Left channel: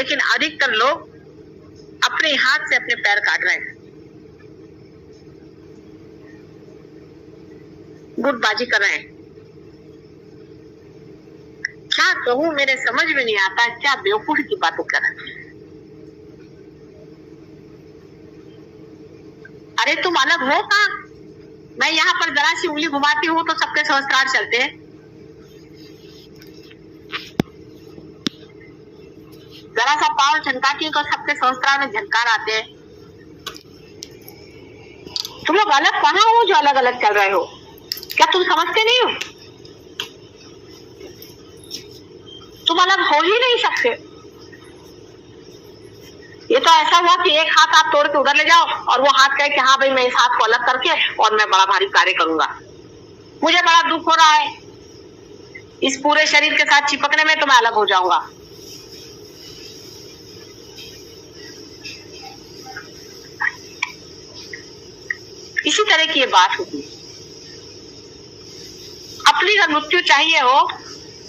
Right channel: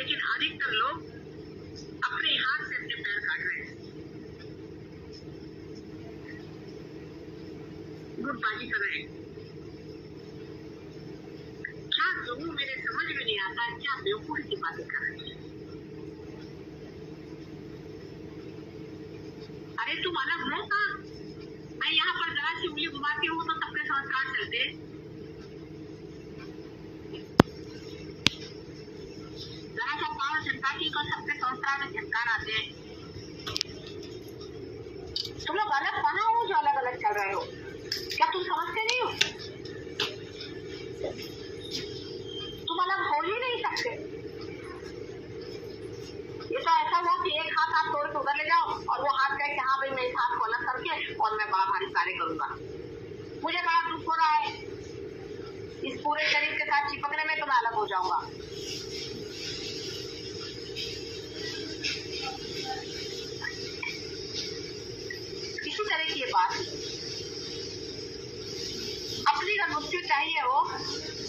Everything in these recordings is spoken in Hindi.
लेकिन अधिकतर लोग अपने हाथ से अपने पैर काट रहे हैं, गुटबाजी कर रहे हैं। क्या कहूं, मेरे समझ में नहीं आता, क्या बेवकूफी की बातें कर रहे हैं। अरे तुम अलग हो कहाँ? मैं यहाँ पर जरा सी उंगली घुमाती हूँ तो सबके सहस्त्रार चलते हैं। जरा सा पाँव झनकाती हूँ तो सबके सहस्त्रार में झनकार आते हैं। तुम लोग अलग कहाँ हो जो अलग अलग चल रहे हो? क्या तुम समझते नहीं हो? तुम अलग हो ही नहीं सकते। ये तो ऐसा हुआ कि एक हाथ आप तोड़ के उधर ले जाओ और वो हाथ कहे कि हाँ भाई मैं इस हाथ को अलग करके और मैं बड़ा भारी कार्य करूंगा। मुझे बड़ा दुख हो रहा है इस पूरे शरीर के साथ चिपकने में, तो मैं अलग हो जाऊंगा। इसी तरह की ये बात होती। अपनी अगर मृत्यु चाहिए हो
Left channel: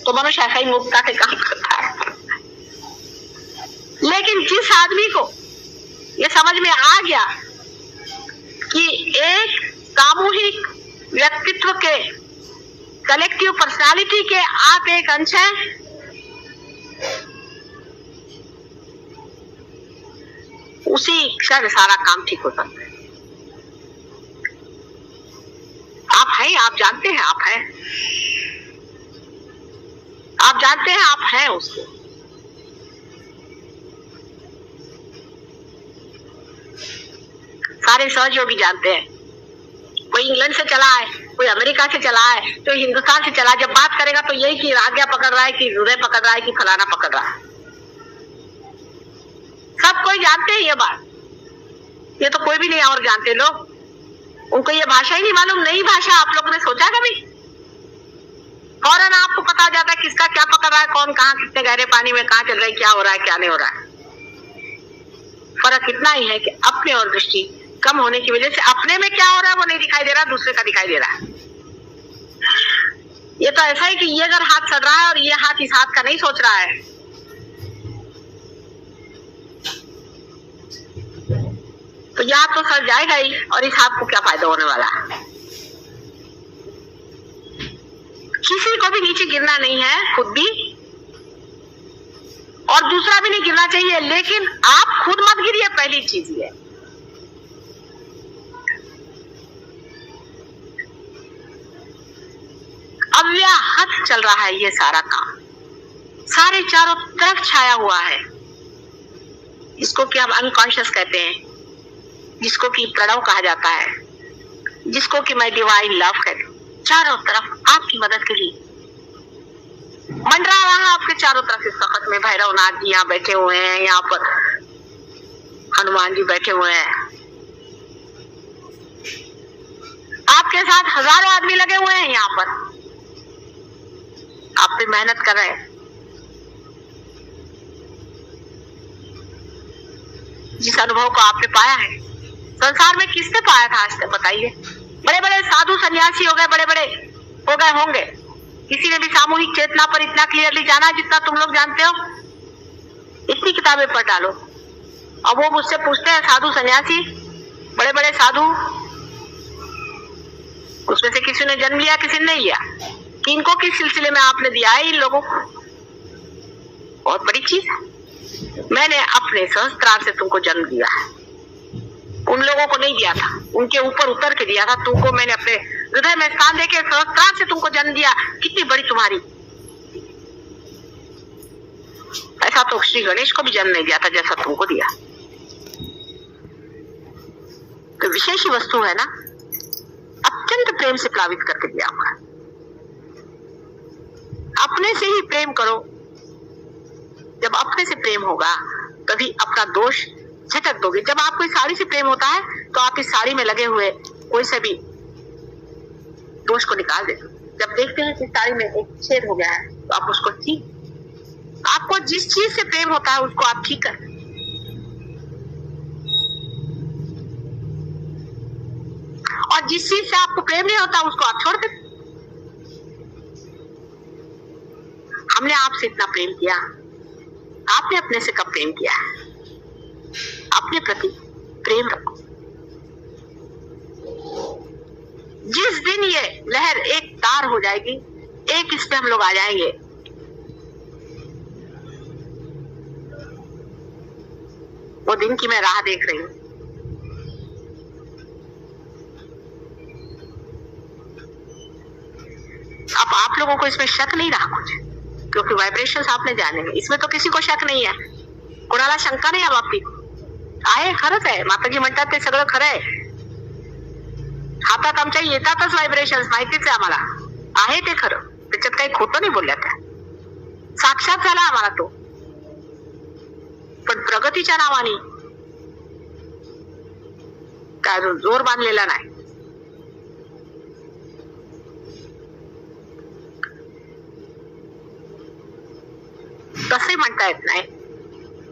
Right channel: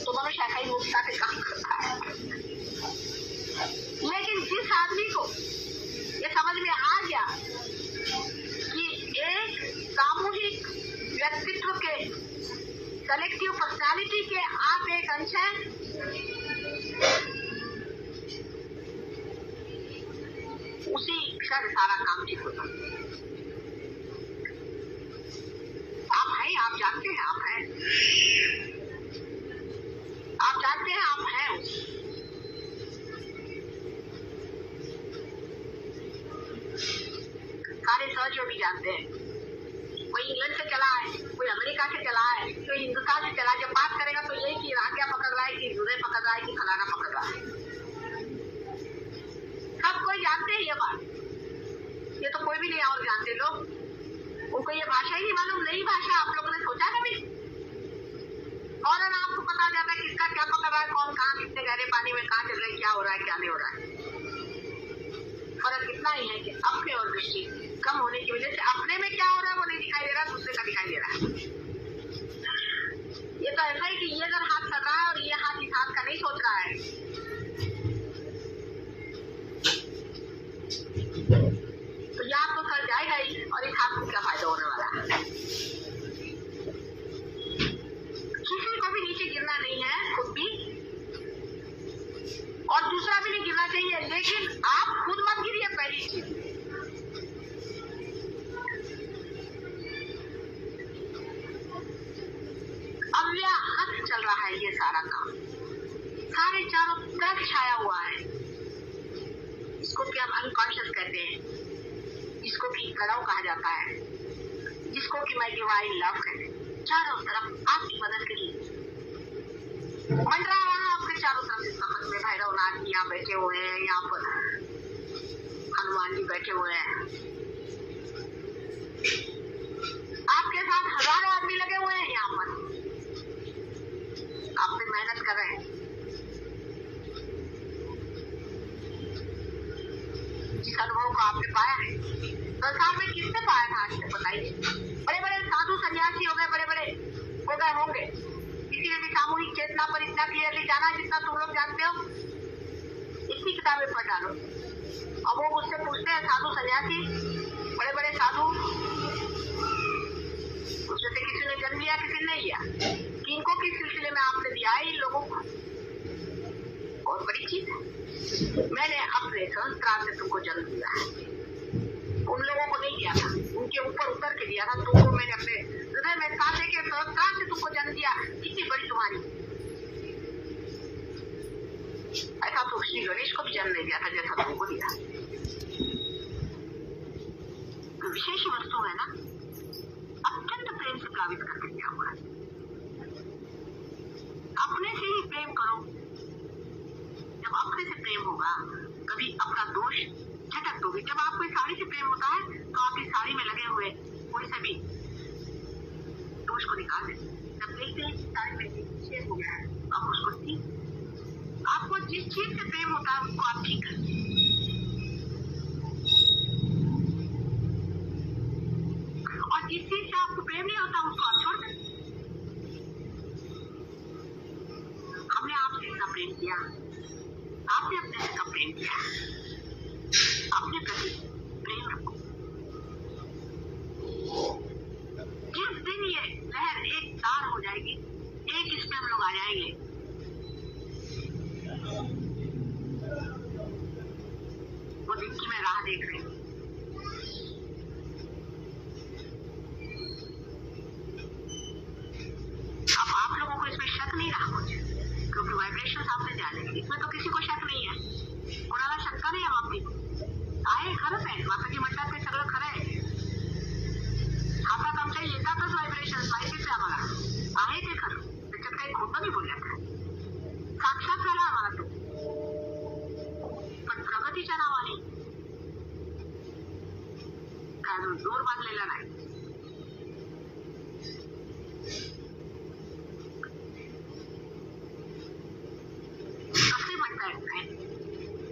तो मनुष्य ऐसा ही मुक्ता के काम करता है। लेकिन जिस आदमी को ये समझ में आ गया कि एक सामूहिक व्यक्तित्व के, कलेक्टिव पर्सनालिटी के आप एक अंश हैं, उसी क्षण सारा काम ठीक हो सकता है। आप हैं, आप जानते हैं आप हैं, आप जानते हैं आप हैं उसको। सारे सहयोगी जानते हैं। कोई इंग्लैंड से चला है, कोई अमेरिका से चला है, तो हिंदुस्तान से चला। जब बात करेगा तो यही कि आज्ञा पकड़ रहा है, कि हृदय पकड़ रहा है, कि फलाना पकड़ रहा है। सब कोई जानते हैं ये बात। ये तो कोई भी नहीं और जानते लोग। उनको ये भाषा ही नहीं मालूम, नई भाषा। आप लोगों ने सोचा कभी? फौरन आपको पता जाता है किसका क्या पकड़ रहा है, कौन कहाँ कितने गहरे पानी में कहाँ चल रहा है, क्या हो रहा है क्या नहीं हो रहा है। फर्क इतना ही है कि अपने और दृष्टि कम होने की वजह से अपने में क्या हो रहा है वो नहीं दिखाई दे रहा, दूसरे का दिखाई दे रहा है। ये तो ऐसा है कि ये अगर हाथ सड़ रहा है और ये हाथ इस हाथ का नहीं सोच रहा है, तो यह हाथ तो सड़ जाएगा ही, और इस हाथ को क्या फायदा होने वाला है। किसी को भी नीचे गिरना नहीं है, खुद भी, और दूसरा भी नहीं गिरना चाहिए। लेकिन आप खुद मत गिरिए, पहली चीज ये। अव्याहत चल रहा है ये सारा काम, सारे चारों तरफ छाया हुआ है। इसको कि हम अनकॉन्शियस कहते हैं, जिसको कि प्रणव कहा जाता है, जिसको कि मैं डिवाइन लव कहती हूँ। चारों तरफ आपकी मदद के लिए मंडरा रहा है, आपके चारों तरफ इस वक्त में भैरवनाथ जी यहाँ बैठे हुए हैं, यहाँ पर हनुमान जी बैठे हुए हैं, आपके साथ हजारों आदमी लगे हुए हैं यहाँ पर, आप भी मेहनत कर रहे हैं। जिस अनुभव को आपने पाया है, संसार में किसने पाया था आज तक बताइए? बड़े बड़े साधु सन्यासी हो गए, बड़े बड़े हो गए होंगे, किसी ने भी सामूहिक चेतना पर इतना क्लियरली जाना जितना तुम लोग जानते हो? इतनी किताबें पढ़ डालो। अब वो मुझसे पूछते हैं साधु सन्यासी, बड़े बड़े साधु, उसमें से किसी ने जन्म लिया, किसी ने नहीं लिया, किनको किस सिलसिले में आपने दिया है इन लोगों को? बहुत बड़ी चीज है। मैंने अपने सहस्त्रार से तुमको जन्म दिया है, उन लोगों को नहीं दिया था, उनके ऊपर उतर के दिया था तुमको। मैंने अपने हृदय में स्थान देके सहस्त्रार से तुमको जन्म दिया। कितनी बड़ी तुम्हारी। ऐसा तो श्री गणेश को भी जन्म नहीं दिया था जैसा तुमको दिया। तो विशेष वस्तु है ना, अत्यंत प्रेम से प्लावित करके दिया हुआ है। अपने से ही प्रेम करो। जब अपने से प्रेम होगा तभी अपना दोष झटक दोगे। जब आपको इस साड़ी से प्रेम होता है तो आप इस साड़ी में लगे हुए कोई से भी दोष को निकाल दे। जब देखते हैं कि साड़ी में एक छेद हो गया है तो आप उसको ठीक, आपको जिस चीज से प्रेम होता है उसको आप ठीक कर। और जिस चीज से आपको प्रेम नहीं होता उसको आप छोड़ दे। हमने आपसे इतना प्रेम किया, आपने अपने से कब प्रेम किया है? अपने प्रति प्रेम रखो। जिस दिन ये लहर एक तार हो जाएगी, एक इस पे हम लोग आ जाएंगे, वो दिन की मैं राह देख रही हूं। अब आप लोगों को इसमें शक नहीं रहा कुछ, क्योंकि वाइब्रेशंस आपने जाने में, इसमें तो किसी को शक नाही आहे, कोणाला शंका नाही बाबतीत आहे. खरंच आहे, माताजी म्हणतात ते सगळं खरं आहे. हातात आमच्या येतातच व्हायब्रेशन्स, माहितीच आहे आम्हाला, आहे ते खरं, त्याच्यात काही खोटं नाही बोलल्या त्या, साक्षात झाला आम्हाला तो. पण प्रगतीच्या नावाने काय जोर बांधलेला नाही. तसे म्हणता येत नाही.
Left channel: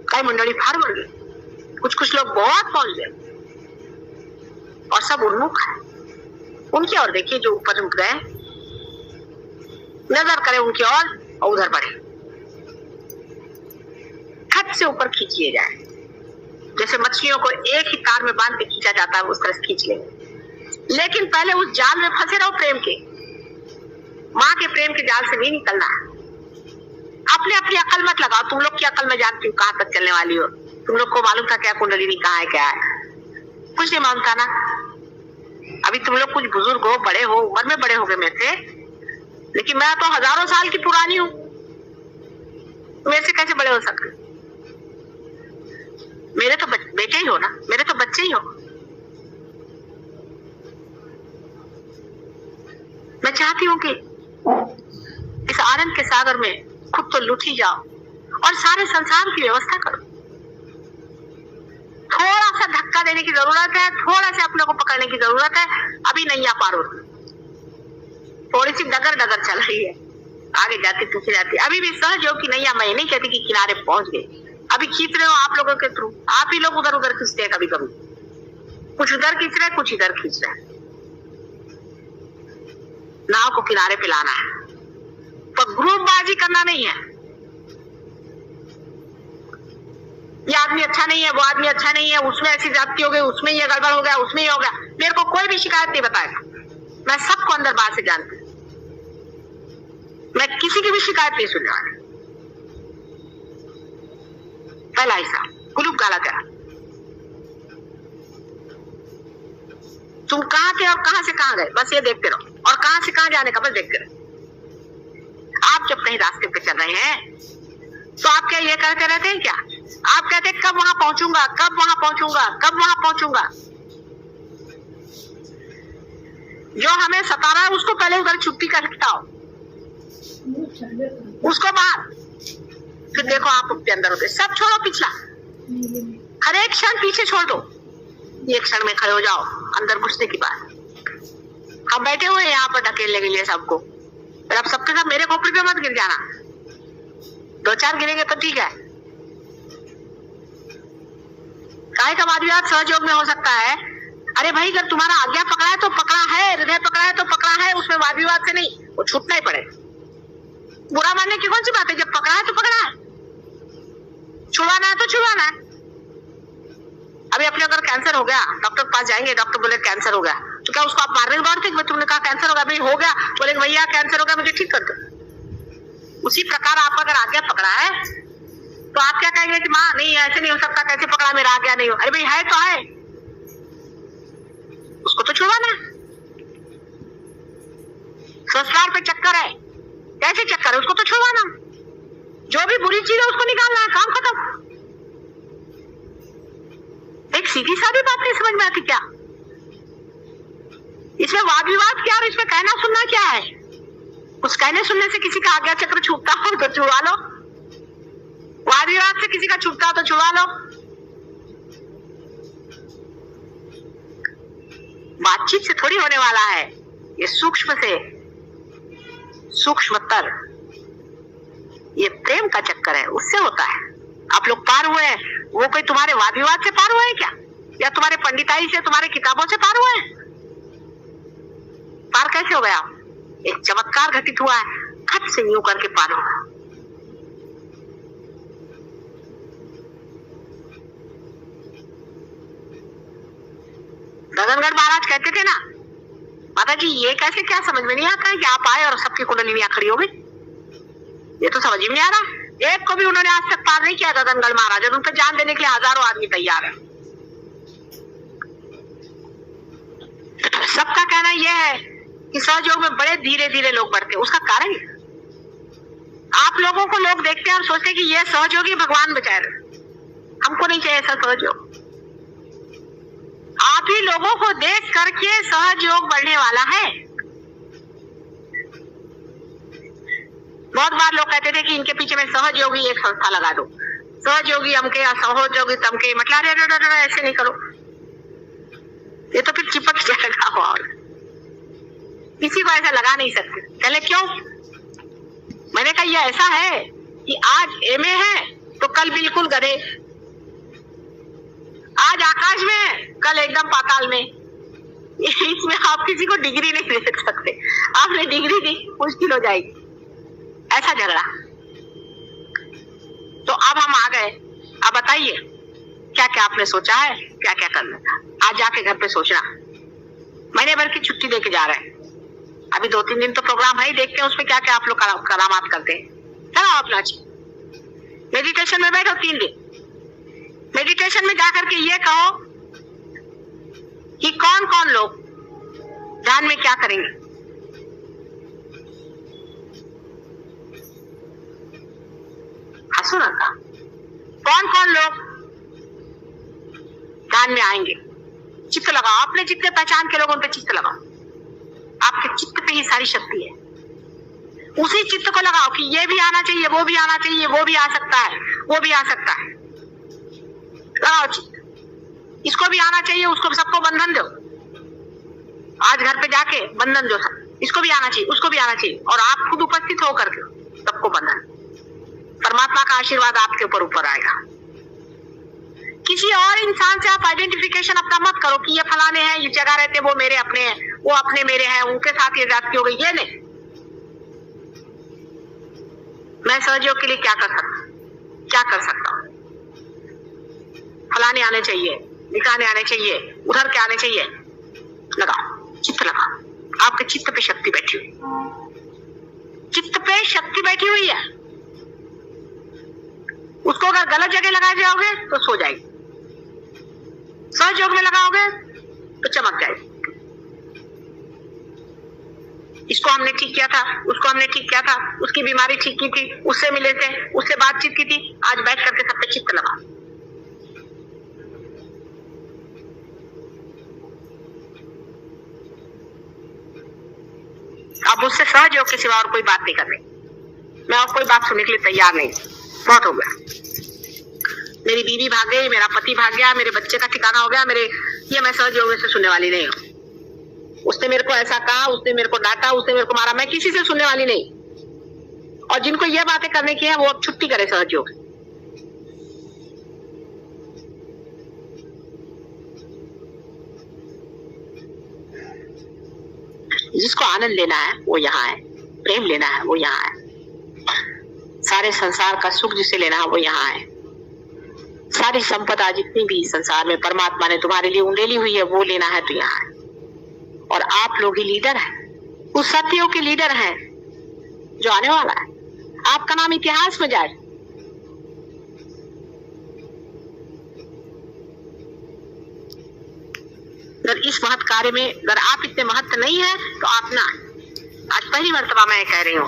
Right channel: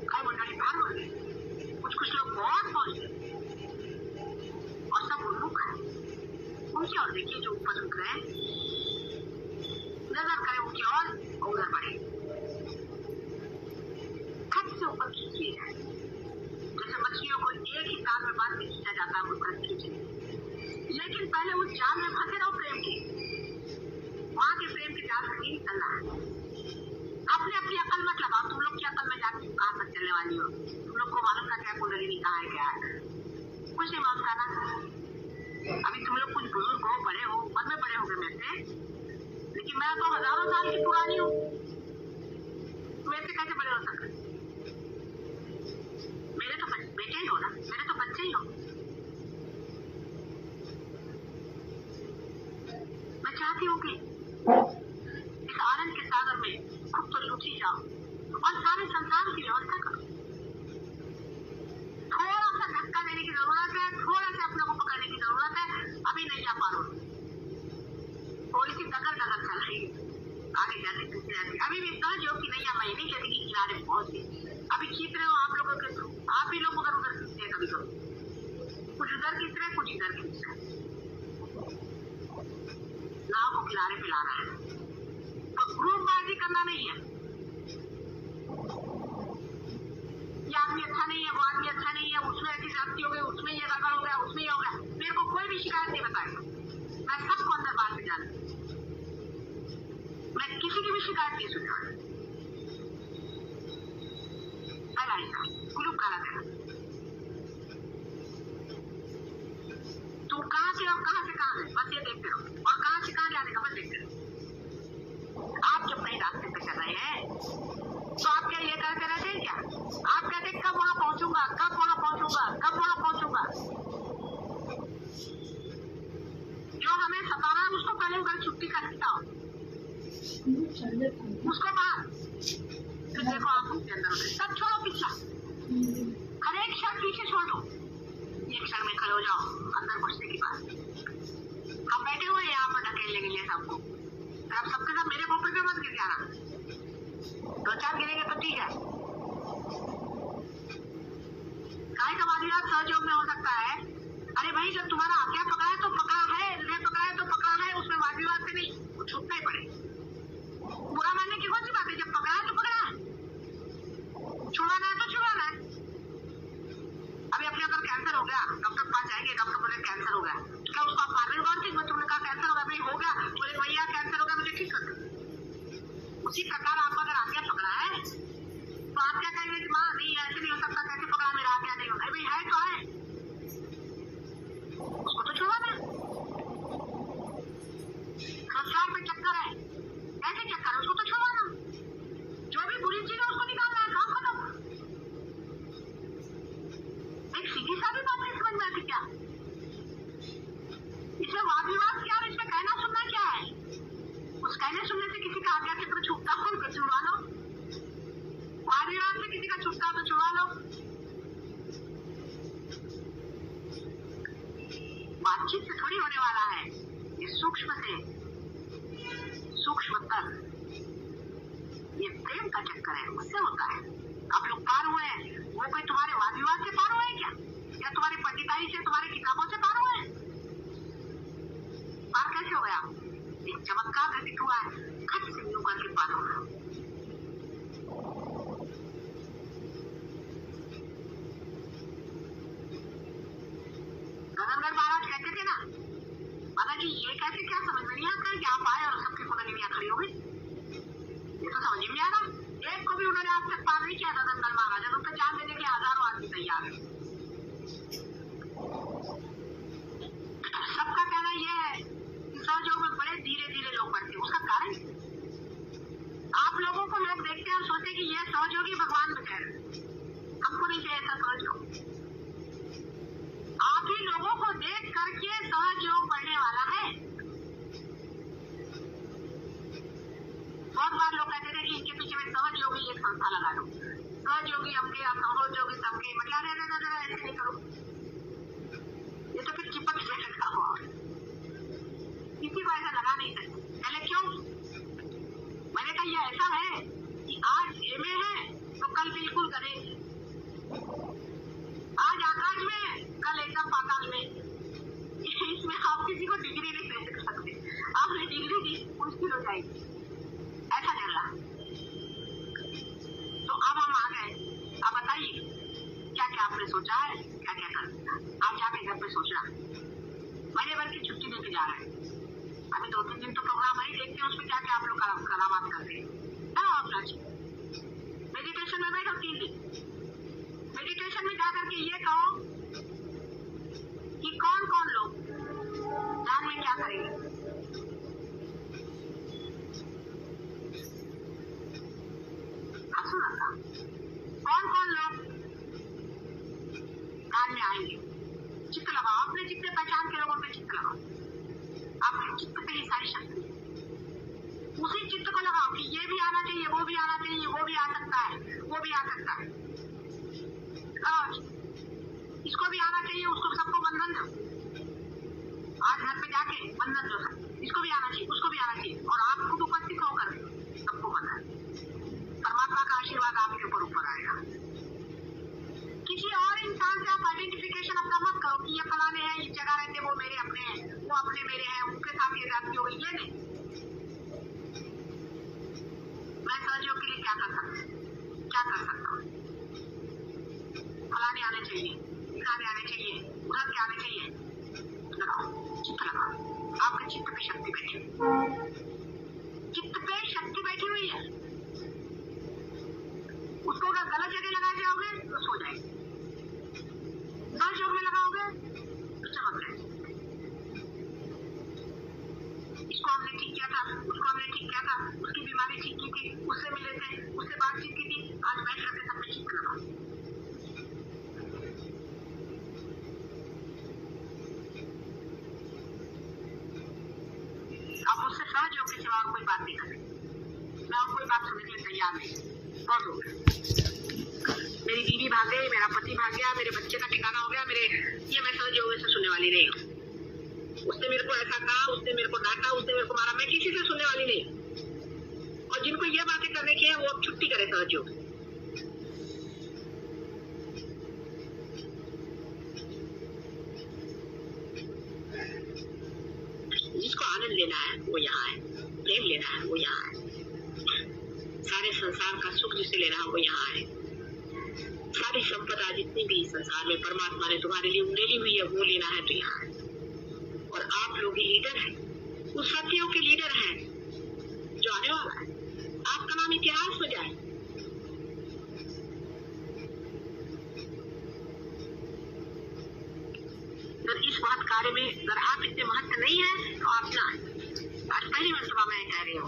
काही मंडळी फार वर, कुछ लोग बहुत पहुंच गए और सब उन्मुख है. उनकी ओर देखिए जो ऊपर उठ गए, नजर करें उनकी ओर और उधर बढ़े, खट से ऊपर खींचिए जाए. जैसे मछलियों को एक ही तार में बांध के खींचा जाता है, उस तरह से खींच ले. लेकिन पहले उस जाल में फंसे रहो प्रेम के, माँ के प्रेम के जाल से नहीं निकलना है. अपने अपनी अकल मत लगाओ. तुम लोग की अकल में जानती हूँ कहाँ तक चलने वाली हो. तुम लोग को मालूम था क्या कुंडलिनी कहाँ है, क्या है, कुछ नहीं मालूम था ना. अभी तुम लोग कुछ बुजुर्ग हो, बड़े हो, उम्र में बड़े हो गए मेरे से, लेकिन मैं तो हजारों साल की पुरानी हूँ. मेरे से कैसे बड़े हो सकते? मेरे तो बेटे ही हो ना, मेरे तो बच्चे ही हो. मैं चाहती हूँ कि इस आनंद के सागर में खुद तो लुट ही जाओ और सारे संसार की व्यवस्था करो. थोड़ा सा धक्का देने की जरूरत है, थोड़ा सा अपने को पकड़ने की जरूरत है. अभी नैया पार हो, थोड़ी सी डगर डगर चल रही है, आगे जाती पीछे जाती. अभी भी सहज हो कि नैया, मैं नहीं कहती कि किनारे पहुंच गए. अभी खींच रहे हो आप लोगों के थ्रू, आप ही लोग उधर उधर खींचते हैं. कभी कभी कुछ उधर खींच रहे, कुछ इधर खींच रहे. नाव को किनारे पे लाना है, पर ग्रुपबाजी करना नहीं है. ये आदमी अच्छा नहीं है, वो आदमी अच्छा नहीं है, उसमें ऐसी जाति हो गई, उसमें ये गड़बड़ हो गया, उसमें ये हो गया. मेरे को कोई भी शिकायत नहीं बताएगा. मैं सबको अंदर बाहर से जानती हूँ. मैं किसी की भी शिकायत नहीं सुनने वाली. पहला हिस्सा कुलूप गाला तेरा. तुम कहाँ थे और कहाँ से कहाँ गए, बस ये देखते रहो. और कहाँ से कहाँ जाने का बस देखते रहो. आप जब कहीं रास्ते पे चल रहे हैं तो आप क्या ये कहते रहते हैं क्या? आप कहते कब वहां पहुंचूंगा, कब वहां पहुंचूंगा, कब वहां पहुंचूंगा. जो हमें सता रहा है उसको पहले उधर छुट्टी कर हटाओ, उसको बाहर, फिर देखो आप उसके अंदर होते. सब छोड़ो पिछला, हर एक क्षण पीछे छोड़ दो. एक क्षण में खड़े हो जाओ अंदर घुसने की बात. हम बैठे हुए हैं यहाँ पर ढकेलने के लिए सबको, पर अब सबके साथ मेरे खोपड़ी पे मत गिर जाना. 2-4 गिरेंगे तो ठीक है. काय का वादविवाद सहयोग में हो सकता है. अरे भाई, अगर तुम्हारा आज्ञा पकड़ा है तो पकड़ा है, हृदय पकड़ा है तो पकड़ा है, उसमें वाद विवाद से नहीं, वो छूटना ही पड़ेगा. बुरा मानने की कौन सी बात है? जब पकड़ा है तो पकड़ा है, छुड़वाना है तो छुड़वाना है. अभी अपने अगर कैंसर हो गया, डॉक्टर के पास जाएंगे, डॉक्टर बोले कैंसर हो गया, तो क्या उसको आप मारने के दौड़ते हैं? तुमने कहा कैंसर हो गया, भाई हो गया, बोले भैया कैंसर हो गया, मुझे ठीक कर दो. उसी प्रकार आप अगर आज्ञा पकड़ा है तो आप क्या कहेंगे कि माँ नहीं ऐसे नहीं हो सकता, कैसे पकड़ा, मेरा आज्ञा नहीं हो. अरे भाई है तो है, उसको तो छुड़वाना. संस्कार पे चक्कर है, कैसे चक्कर है, उसको तो छुड़वाना. जो भी बुरी चीज है उसको निकालना है, काम खत्म. एक सीधी सादी बात नहीं समझ में आती क्या? इसमें वाद विवाद क्या और इसमें कहना सुनना क्या है? उस कहने सुनने से किसी का आज्ञा चक्र छूटता हो तो छुड़वा लो, वाद विवाद से किसी का छूटता हो तो छुड़वा लो. बातचीत से थोड़ी होने वाला है, ये सूक्ष्म से सूक्ष्मतर, ये प्रेम का चक्कर है, उससे होता है. आप लोग पार हुए हैं, वो कोई तुम्हारे वाद विवाद से पार हुए हैं क्या, या तुम्हारे पंडिताई से, तुम्हारे किताबों से पार हुए हैं? पार कैसे हो गया? एक चमत्कार घटित हुआ है, खट से यूं करके पार होगा. रतनगढ़ महाराज कहते थे ना, माता जी ये कैसे, क्या समझ में नहीं आता है कि आप आए और सबकी कुंडलियां खड़ी हो गई, ये तो समझ में नहीं आ रहा। एक को भी उन्होंने आज तक पार नहीं किया रतनगढ़ महाराज, और उन पर जान देने के लिए हजारों आदमी तैयार है। सबका कहना यह है कि सहयोग में बड़े धीरे धीरे लोग बढ़ते हैं। उसका कारण आप लोगों को लोग देखते हैं और सोचते हैं कि ये सहयोगी भगवान बचाए रहे, हमको नहीं चाहिए ऐसा सहयोग। आप ही लोगों को देख करके सहयोग बढ़ने वाला है। बहुत बार लोग कहते थे कि इनके पीछे में सहयोगी एक संस्था लगा दो, सहयोगी हमके या सहयोगी तमके, मतलब अरे ऐसे नहीं करो, ये तो फिर चिपक जाएगा और किसी को ऐसा लगा नहीं सकते। पहले क्यों? मैंने कहा ये ऐसा है कि आज एमए है तो कल बिल्कुल गधे, आज आकाश में है कल एकदम पाताल में। इसमें आप किसी को डिग्री नहीं दे सकते, आपने डिग्री दी मुश्किल हो जाएगी, ऐसा झगड़ा। तो अब हम आ गए, अब बताइए क्या क्या आपने सोचा है, क्या क्या करना था। आज जाके घर पे सोचना, महीने भर की छुट्टी लेके जा रहे हैं, अभी 2-3 दिन तो प्रोग्राम है ही, देखते हैं उसमें क्या क्या आप लोग करामात करते हैं। चलो अपना मेडिटेशन में बैठो 3 दिन, मेडिटेशन में जाकर के ये कहो कि कौन कौन लोग ध्यान में क्या करेंगे। हंसो ना, कौन कौन लोग ध्यान में आएंगे। चित्त लगाओ, अपने जितने पहचान के लोगों पे चित्त लगाओ, आपके चित्त पे ही सारी शक्ति है। उसी चित्त को लगाओ कि ये भी आना चाहिए, वो भी आना चाहिए, वो भी आ सकता है, वो भी आ सकता है। लगाओ चित्त, इसको भी आना चाहिए, उसको सबको बंधन दो। आज घर पे जाके बंधन दो, सब इसको भी आना चाहिए, उसको भी आना चाहिए, और आप खुद उपस्थित होकर के सबको बंधन। परमात्मा का आशीर्वाद आपके ऊपर आएगा। किसी और इंसान से आप आइडेंटिफिकेशन अपना मत करो कि ये फलाने हैं, ये जगह रहते, वो मेरे अपने हैं, वो अपने मेरे हैं, उनके साथ ये जाति हो गई, ये नहीं। मैं सहयोग के लिए क्या कर सकता हूँ, फलाने आने चाहिए, दिखाने आने चाहिए, उधर के आने चाहिए। लगाओ चित्त, लगाओ, आपके चित्त पे शक्ति बैठी हुई, चित्त पे शक्ति बैठी हुई है। उसको अगर गलत जगह लगा जाओगे तो सो जाएगी, सहयोग में लगाओगे तो चमक जाएगी। इसको हमने ठीक किया था, उसको हमने ठीक किया था, उसकी बीमारी ठीक की थी, उससे मिले थे, उससे बातचीत की थी, आज बैठ करके सब पे चित्त लगा। अब उससे सहयोग के सिवा और कोई बात नहीं करनी, मैं और कोई बात सुनने के लिए तैयार नहीं, बहुत हो गया। मेरी बीवी भाग गई, मेरा पति भाग गया, मेरे बच्चे का ठिकाना हो गया, ये मैं सहयोग से सुनने वाली नहीं हूँ। उसने मेरे को ऐसा कहा, उसने मेरे को डांटा, उसने मेरे को मारा, मैं किसी से सुनने वाली नहीं। और जिनको ये बातें करने की है वो अब छुट्टी करे सहयोग। जिसको आनंद लेना है वो यहाँ है, प्रेम लेना है वो यहाँ है, सारे संसार का सुख जिसे लेना है वो यहाँ है, सारी संपदा जितनी भी संसार में परमात्मा ने तुम्हारे लिए उंडेली हुई है वो लेना है तो यहाँ है। और आप लोग ही लीडर हैं, उस सत्यों के लीडर हैं जो आने वाला है। आपका नाम इतिहास में जाए। अगर इस महत् कार्य में अगर आप इतने महत्व नहीं है तो आप ना, आज पहली मर्तबा मैं कह रही हूँ,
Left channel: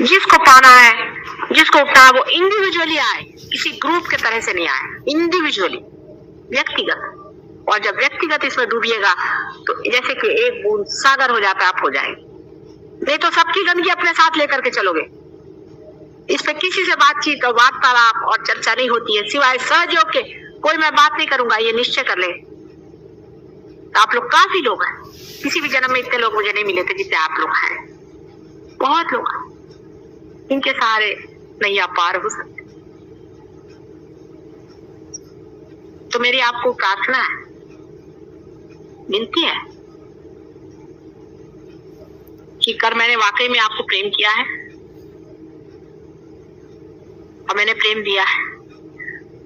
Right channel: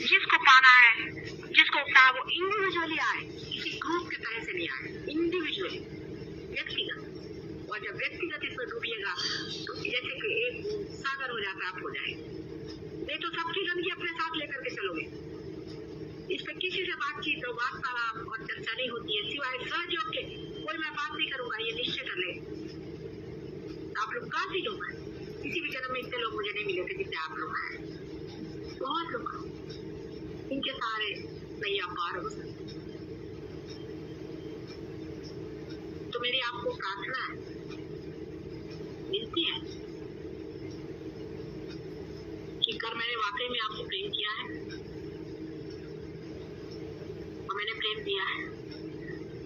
जिसको पाना है, जिसको उठना है वो इंडिविजुअली आए, किसी ग्रुप के तरह से नहीं आए, इंडिविजुअली, व्यक्तिगत। और जब व्यक्तिगत इसमें डूबिएगा तो जैसे कि एक बूंद सागर हो जाता है, आप हो जाएंगे। नहीं तो सबकी गंदगी अपने साथ लेकर के चलोगे। इस पे किसी से बातचीत और वार्तालाप और चर्चा नहीं होती है सिवाय सहयोग के। कोई मैं बात नहीं करूंगा, ये निश्चय कर ले। तो आप लोग काफी लोग हैं, किसी भी जन्म में इतने लोग मुझे नहीं मिले थे जितने आप लोग हैं। बहुत लोग हैं, इनके सहारे नैया पार हो सकते। तो मेरी आपको प्रार्थना है, विनती है कि कर मैंने वाकई में आपको प्रेम किया है और मैंने प्रेम दिया है,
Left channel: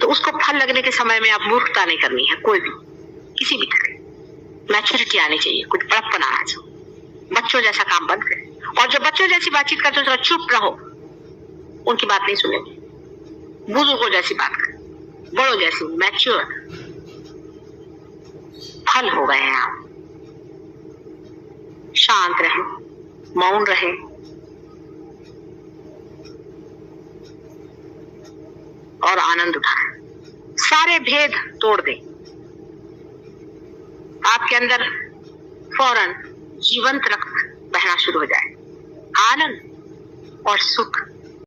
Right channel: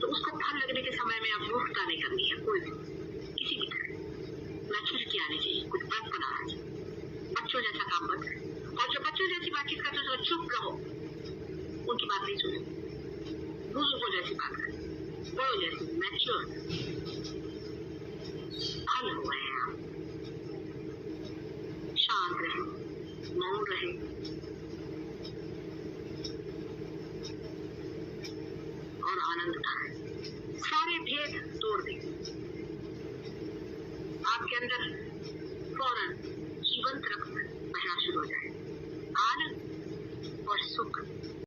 तो उसको फल लगने के समय में आप मूर्खता नहीं करनी है, कोई भी किसी भी तरह मैच्योरिटी आनी चाहिए, कुछ बड़प्पन आना चाहिए। बच्चों जैसा काम बंद करें, और जो बच्चों जैसी बातचीत करते हो चुप रहो, उनकी बात नहीं सुनेंगे। बुजुर्गों जैसी बात करें, बड़ों जैसी मैच्योर फल हो गए हैं आप। शांत रहे, मौन रहे, और आनंद उठाएं। सारे भेद तोड़ दें, आपके अंदर फौरन जीवंत रक्त बहना शुरू हो जाए। आनंद और सुख